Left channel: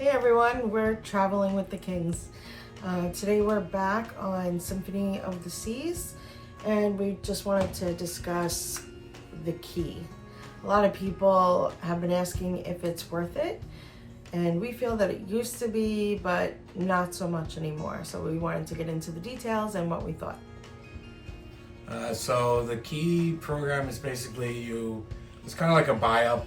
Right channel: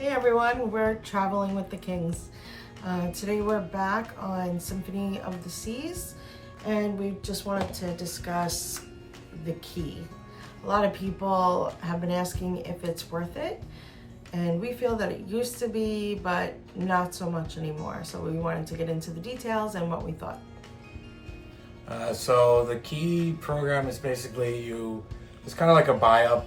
Hey everyone, we're traveling with the Kings. Today we're back on Symphony of the Seas, and we just wanted to discuss the key. A lot of people have been asking if it's worth it, and we feel that it used to be, but not so much anymore. So we wanted to get into the details and what we thought. So the key program is basically it's kind of like a buy-up.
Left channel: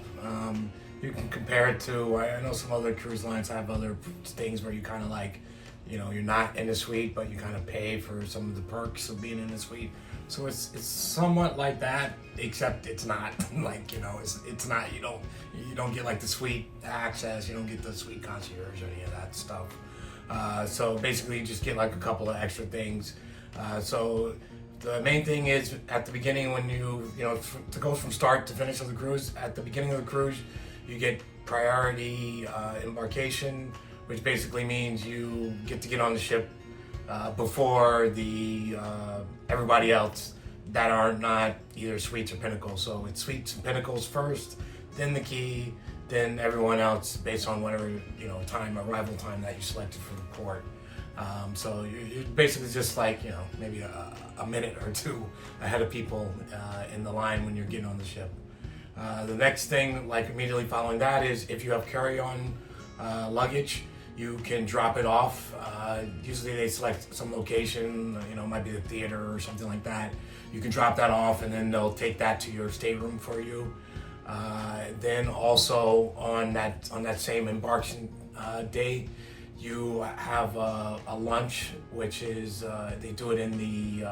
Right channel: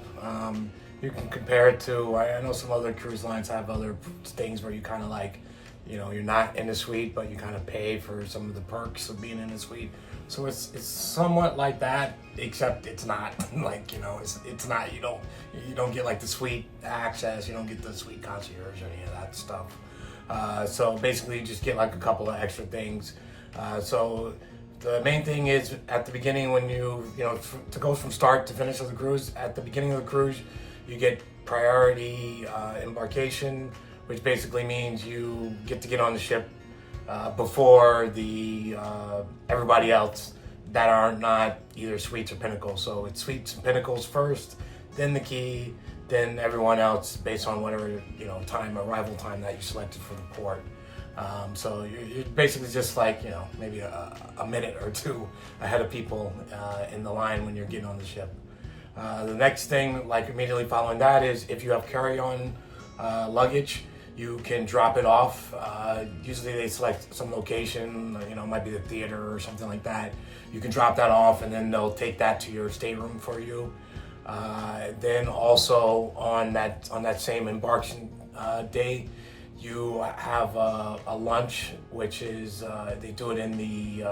You can compare it to, I know some other cruise lines have other things where you kind of like, you're not in a suite, but you kind of pay for some of the perks of being in a suite. So it's somewhat like that, except it's not like, it's not, you don't get like the suite access, you don't get the suite concierge or any of that stuff. So basically you just get like a couple of extra things. So the main thing is at the beginning when to go from start to finish of the cruise, at the beginning of the cruise, you get priority embarkation, which basically means you get to get on the ship before everybody else that are not either suites or pinnacles. So it's suites and pinnacles first, then the key, then everyone else based on whatever arrival time that you selected for the port. So you're basically just like maybe a minute or two ahead of people in the line when you're getting on the ship. The next thing, like immediately following that, is if you have carry-on luggage, you can drop it off. Usually they select some location, it might be the theater or something like that. You can drop that off and then they'll take that to your stateroom for you. Then also on that same embarkation day, you have a lunch, which is they do it in the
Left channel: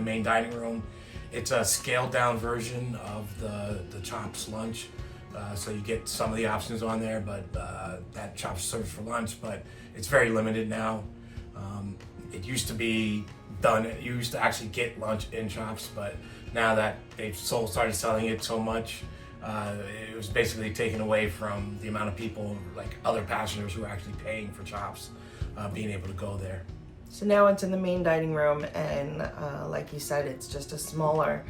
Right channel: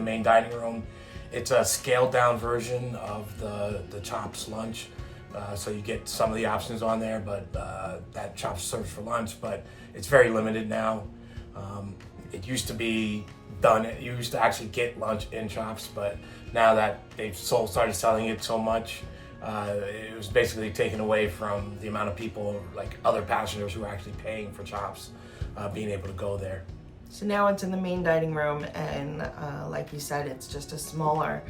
main dining room. It's a scaled down version of the Chops lunch, so you get some of the options on there, but that Chops serves for lunch, but it's very limited now. It used to be done. You used to actually get lunch in Chops, but now that they've started selling it so much, it was basically taken away from the amount of people, like other passengers who are actually paying for Chops, being able to go there. So now it's in the main dining room, and like you said, it's just a smaller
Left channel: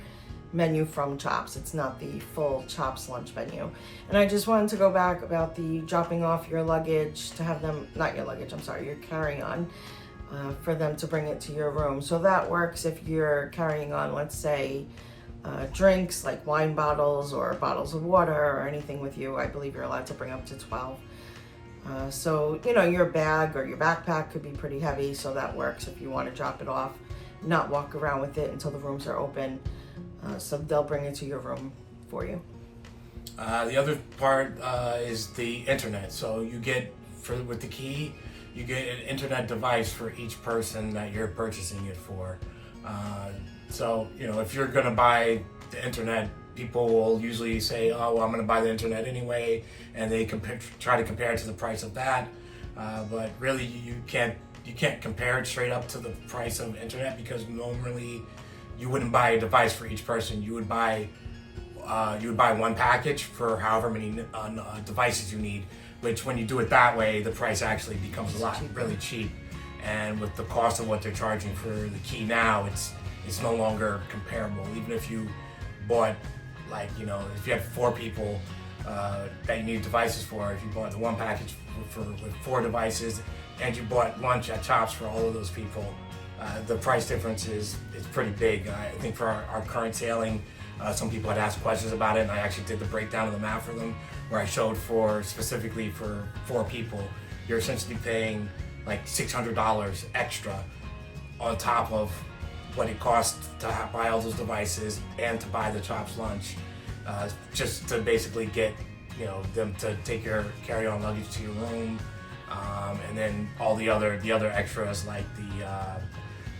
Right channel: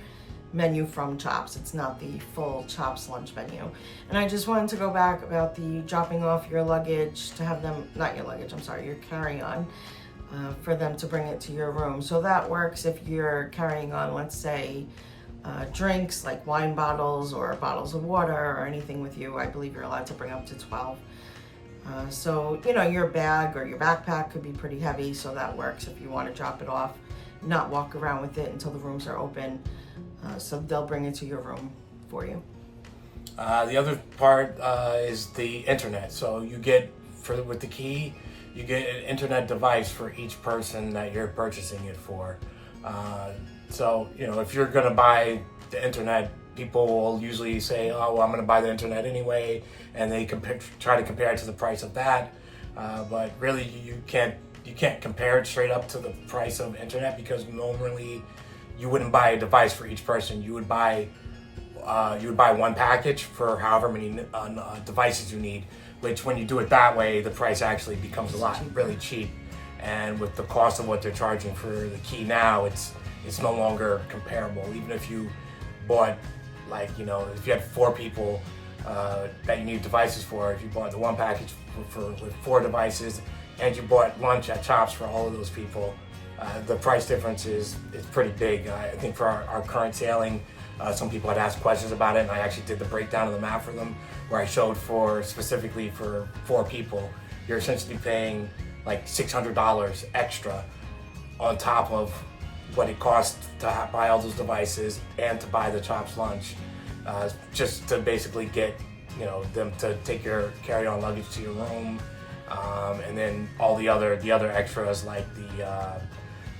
menu from Chops. It's not the full Chops lunch menu. And I just wanted to go back about the dropping off your luggage to have them, not your luggage, I'm sorry, your carry-on, for them to bring it to your room. So that works if you're carrying on, let's say, drinks like wine bottles or bottles of water or anything with you. I believe you're allowed to bring up to 12. So, your bag or your backpack could be pretty heavy, so that works if you want to drop it off, not walk around with it until the rooms are open. So they'll bring it to your room for you. The other part is the internet. So you get, with the key, you get an internet device for each person that you're purchasing it for. So, if you're going to buy the internet, people will usually say, oh, well, I'm going to buy the internet anyway, and they try to compare it to the price of that. But really, you can't compare it straight up to the price of internet, because normally you wouldn't buy a device for each person. You would buy one package for however many devices you need, which when you do it that way, the price actually becomes really cheap. And with the cost of what they're charging for the key now, it's no longer comparable. Even if you bought, if you had 4 people that you need devices for, if you bought the one package with 4 devices and you bought lunch at Chops for all of those people, the price difference is pretty big. I think for our current sailing, some people had asked questions about it, and I actually did the breakdown of the map for them, where I showed specifically for 4 people, you're essentially paying like $600 extra on top of what it costs to buy all those devices and to buy the Chops lunch, just to basically get them to take your carry-on luggage to your room, and then all the other extras like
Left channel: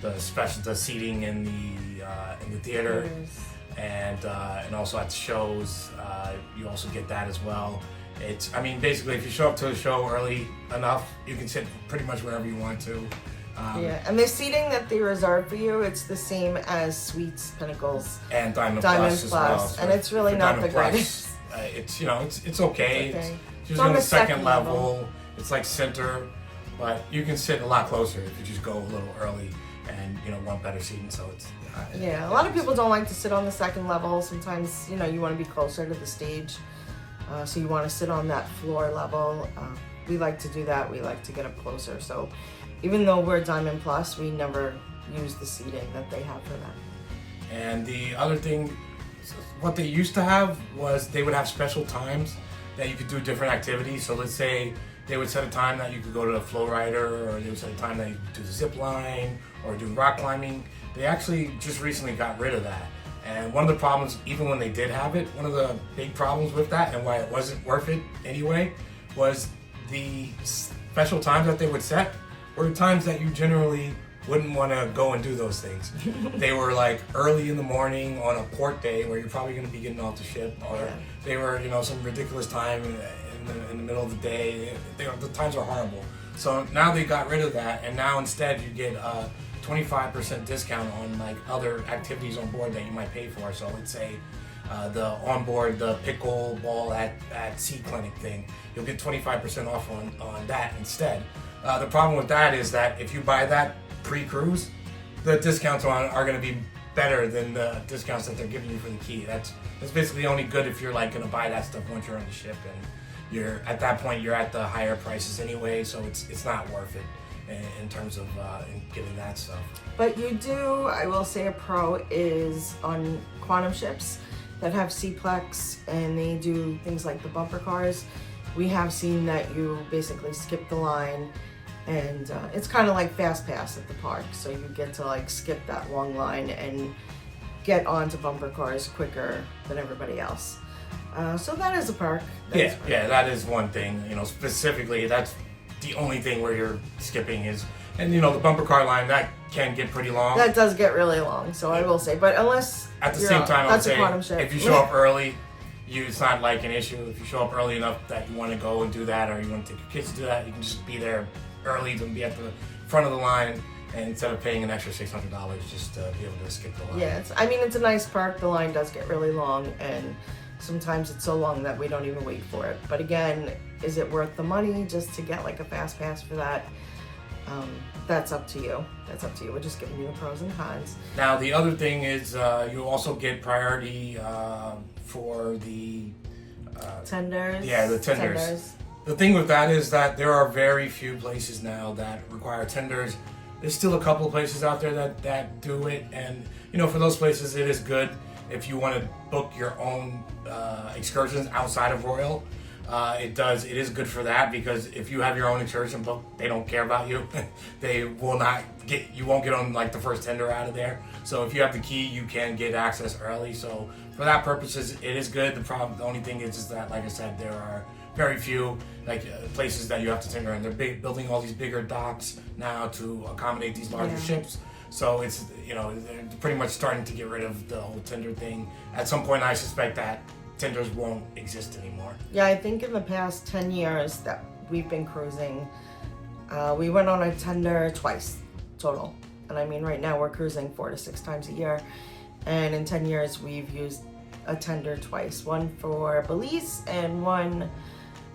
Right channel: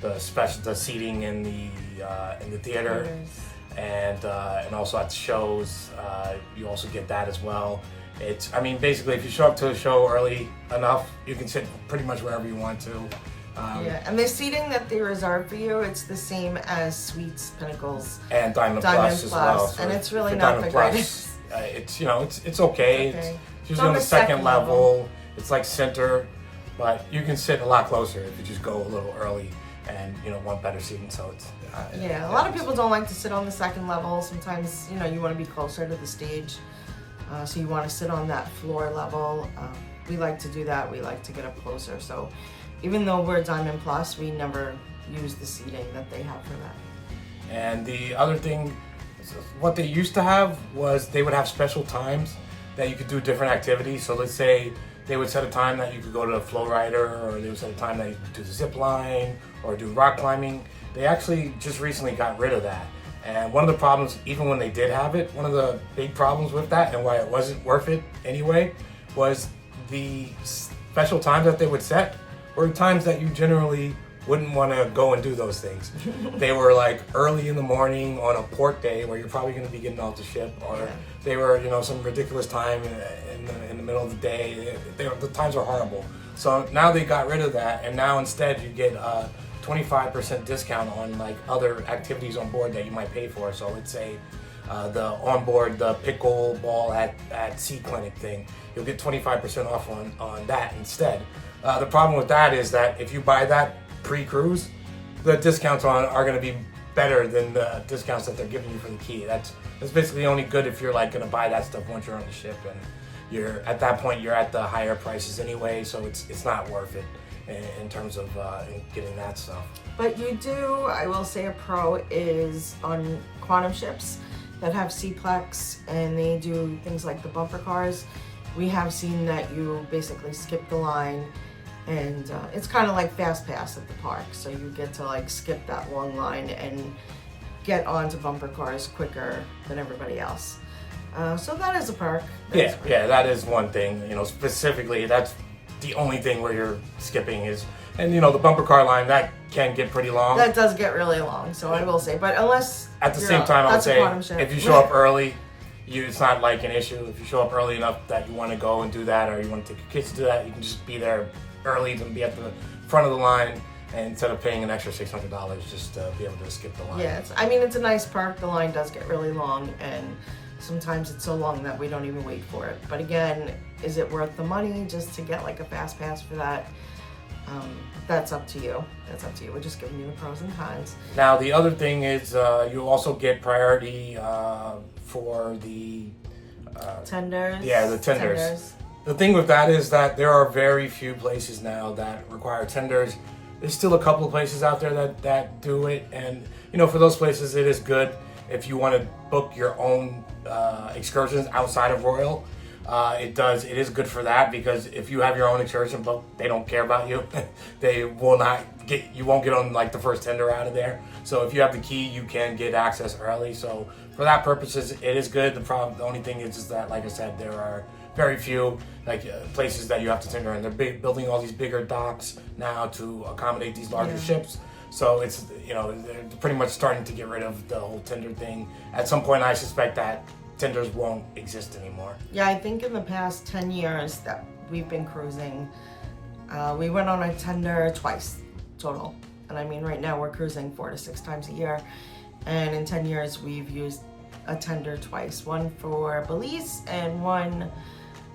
the seating in the theater, and also at shows, you also get that as well. Basically, if you show up to a show early enough, you can sit pretty much wherever you want to. And the seating that they reserve for you, it's the same as Suites, Pinnacles, and Diamond Plus as well. So and it's really not the greatest. It's it's okay. It's usually on the second level. It's like center, but you can sit a lot closer if you just go a little early and want better seating. So it's a lot of people don't like to sit on the second level. Sometimes you want to be closer to the stage. So you want to sit on that floor level. We like to do that. We like to get up closer. So even though we're Diamond Plus, we never use the seating that they have for that. And the other thing, what they used to have was they would have special times that you could do different activities. So let's say they would set a time that you could go to the flow rider, or they would set a time that you could do the zip line or do rock climbing. They actually just recently got rid of that. And one of the problems, even when they did have it, one of the big problems with that and why it wasn't worth it anyway, was the special times that they would set were times that you generally wouldn't want to go and do those things. They were like early in the morning on a port day where you're probably going to be getting off the ship, or they were, some ridiculous time in the middle of the day. The times were horrible. So now they got rid of that, and now instead you get 25% discount on like other activities on board that you might pay for. So let's say the onboard, the pickleball at Sea Clinic thing, you'll get 25% off on that instead. The problem with that is that if you buy that pre-cruise, the discounts are going to be better than the discounts that they're giving you for the key. That's basically only good if you're like going to buy that stuff once you're on the ship, and you're at that point you're at the higher prices anyway, so it's not worth it in terms of getting that stuff. But you do, I will say, a pro is on quantum ships that have Seaplex, and they do things like the bumper cars. We have seen that you basically skip the line, and it's kind of like Fast Pass at the park. So you get to like skip that long line and get onto bumper cars quicker than everybody else. So that is a perk. Yeah, that is one thing. Specifically, that's the only thing where you're skipping is, and the bumper car line, that can get pretty long. That does get really long, so I will say. But unless at the same time, I'll say if you show up early, it's not like an issue. If you show up early enough that you want to go and do that, or you want to take your kids to do that, you can just be there early to be at the front of the line, and instead of paying an extra $600 just to be able to skip the line. Yeah, it's a nice perk. The line does get really long, and sometimes it's so long that we don't even wait for it. But again, is it worth the money just to get like a fast pass for that? That's up to you. We're just giving you the pros and cons. Now, the other thing is you also get priority for the tenders. Yeah, the tenders. The thing with that is that there are very few places now that require tenders. There's still a couple of places out there that do it, and for those places it is good if you want to book your own excursions outside of Royal. It is good for that, because if you have your own excursion book, they don't care about you. You won't get on like the first tender out of there. So if you have the key, you can get access early. So for that purposes, it is good. The only thing is that, like I said, there are very few places that you have to tender, and they're building all these bigger docks now to accommodate these larger ships. So it's they're pretty much starting to get rid of the whole tender thing. At some point, I suspect that tenders won't exist anymore. Yeah, I think in the past 10 years that we've been cruising, we went on a tender twice total. And I mean, right now we're cruising 4 to 6 times a year. And in 10 years, we've used a tender twice. One for Belize and one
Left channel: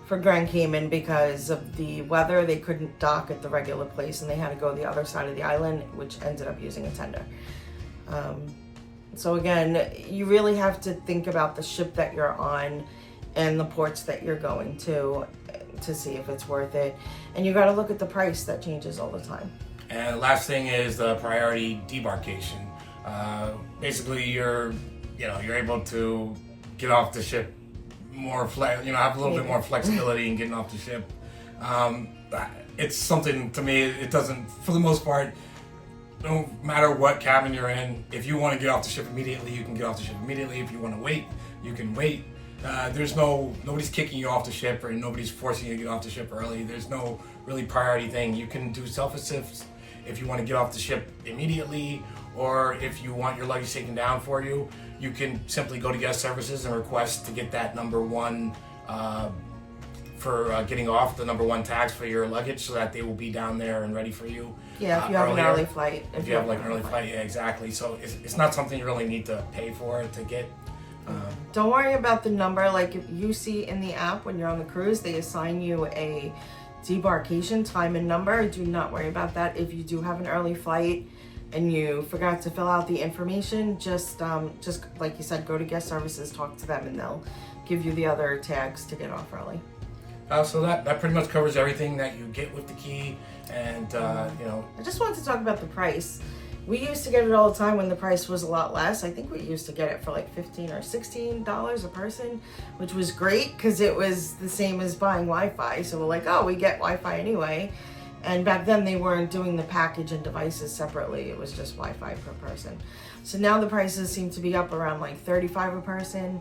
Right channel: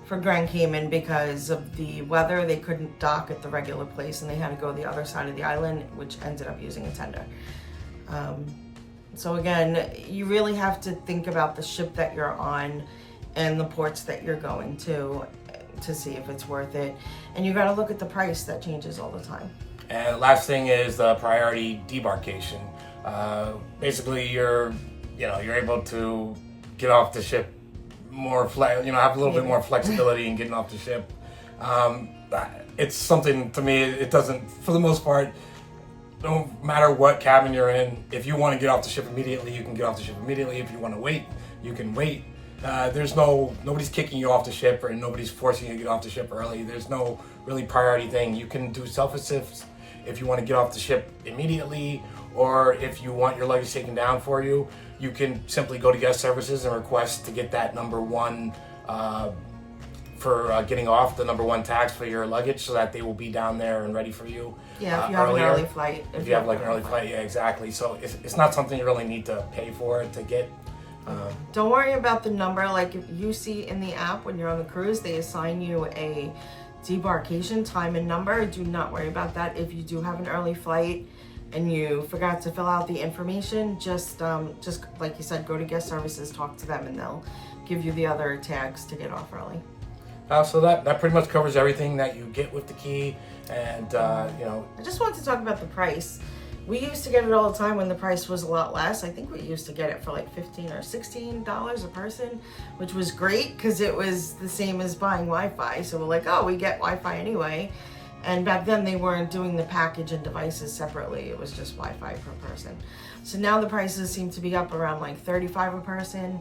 for Grand Cayman. Because of the weather, they couldn't dock at the regular place and they had to go the other side of the island, which ended up using a tender. So again, you really have to think about the ship that you're on and the ports that you're going to see if it's worth it. And you got to look at the price that changes all the time. And last thing is the priority debarkation. Basically, you're able to get off the ship more, have a little bit more flexibility in getting off the ship. It's something, to me, it doesn't, for the most part, no matter what cabin you're in, if you want to get off the ship immediately, you can get off the ship immediately. If you want to wait, you can wait. Nobody's kicking you off the ship, or nobody's forcing you to get off the ship early. There's no really priority thing. You can do self-assists if you want to get off the ship immediately, or if you want your luggage taken down for you, you can simply go to guest services and request to get that number one for getting off, the number one tags for your luggage, so that they will be down there and ready for you. Yeah, if you have an early flight. If you have like an early flight, yeah, exactly. So it's not something you really need to pay for to get. Don't worry about the number. Like if you see in the app when you're on the cruise, they assign you a debarkation time and number. Do not worry about that. If you do have an early flight, and you forgot to fill out the information, just like you said, go to guest services, talk to them, and they'll give you the other tags to get off early. So that pretty much covers everything that you get with the key. And you know, I just wanted to talk about the price. We used to get it all the time when the price was a lot less. I think we used to get it for like $15 or $16 a person, which was great because it was the same as buying Wi-Fi. So we're like, oh, we get Wi-Fi anyway. And back then they weren't doing the package and devices separately. It was just Wi-Fi per person. So now the prices seem to be up around like $35 a person.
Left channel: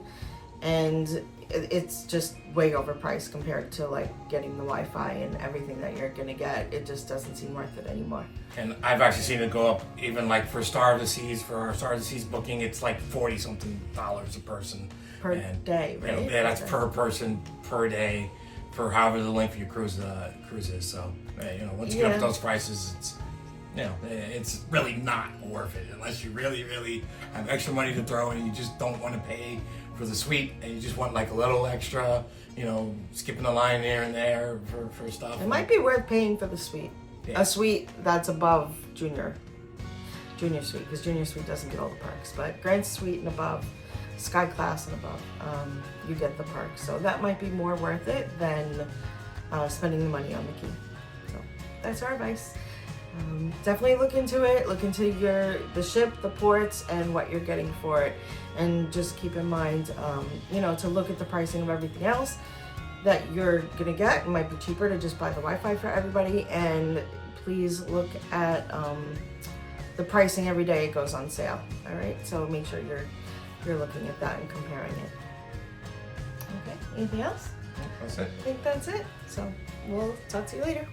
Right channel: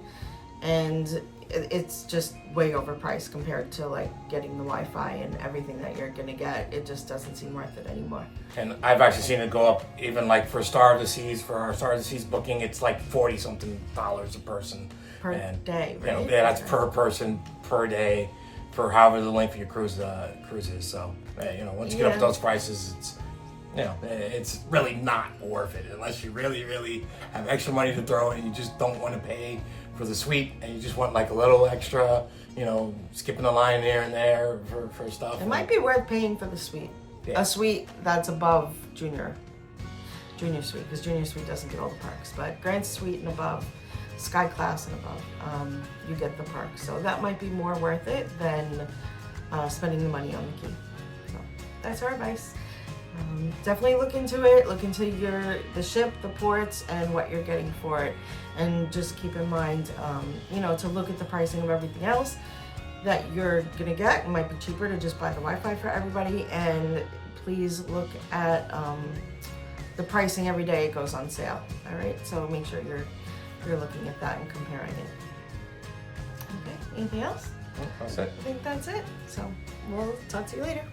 And it's just way overpriced compared to like getting the Wi-Fi and everything that you're gonna get. It just doesn't seem worth it anymore. And I've actually seen it go up even like for Star of the Seas, for our Star of the Seas booking, it's like $40-something a person. Per day, right? You know, yeah, that's per person, per day, for however the length of your cruise is. So, you know, once you get up to those prices, it's, you know, it's really not worth it unless you really, really have extra money to throw and you just don't want to pay for the suite and you just want like a little extra, you know, skipping the line here and there for stuff. It might be worth paying for the suite. Yeah. A suite that's above junior suite, because junior suite doesn't get all the perks, but grand suite and above, sky class and above, you get the perks. So that might be more worth it than spending the money on the key. So that's our advice. Definitely look into it. Look into the ship, the ports, and what you're getting for it. And just keep in mind, you know, to look at the pricing of everything else that you're gonna get. It might be cheaper to just buy the Wi-Fi for everybody. And please look at the pricing every day it goes on sale. All right, so make sure you're looking at that and comparing it. Okay, anything else? That's it. I think that's it. So we'll talk to you later.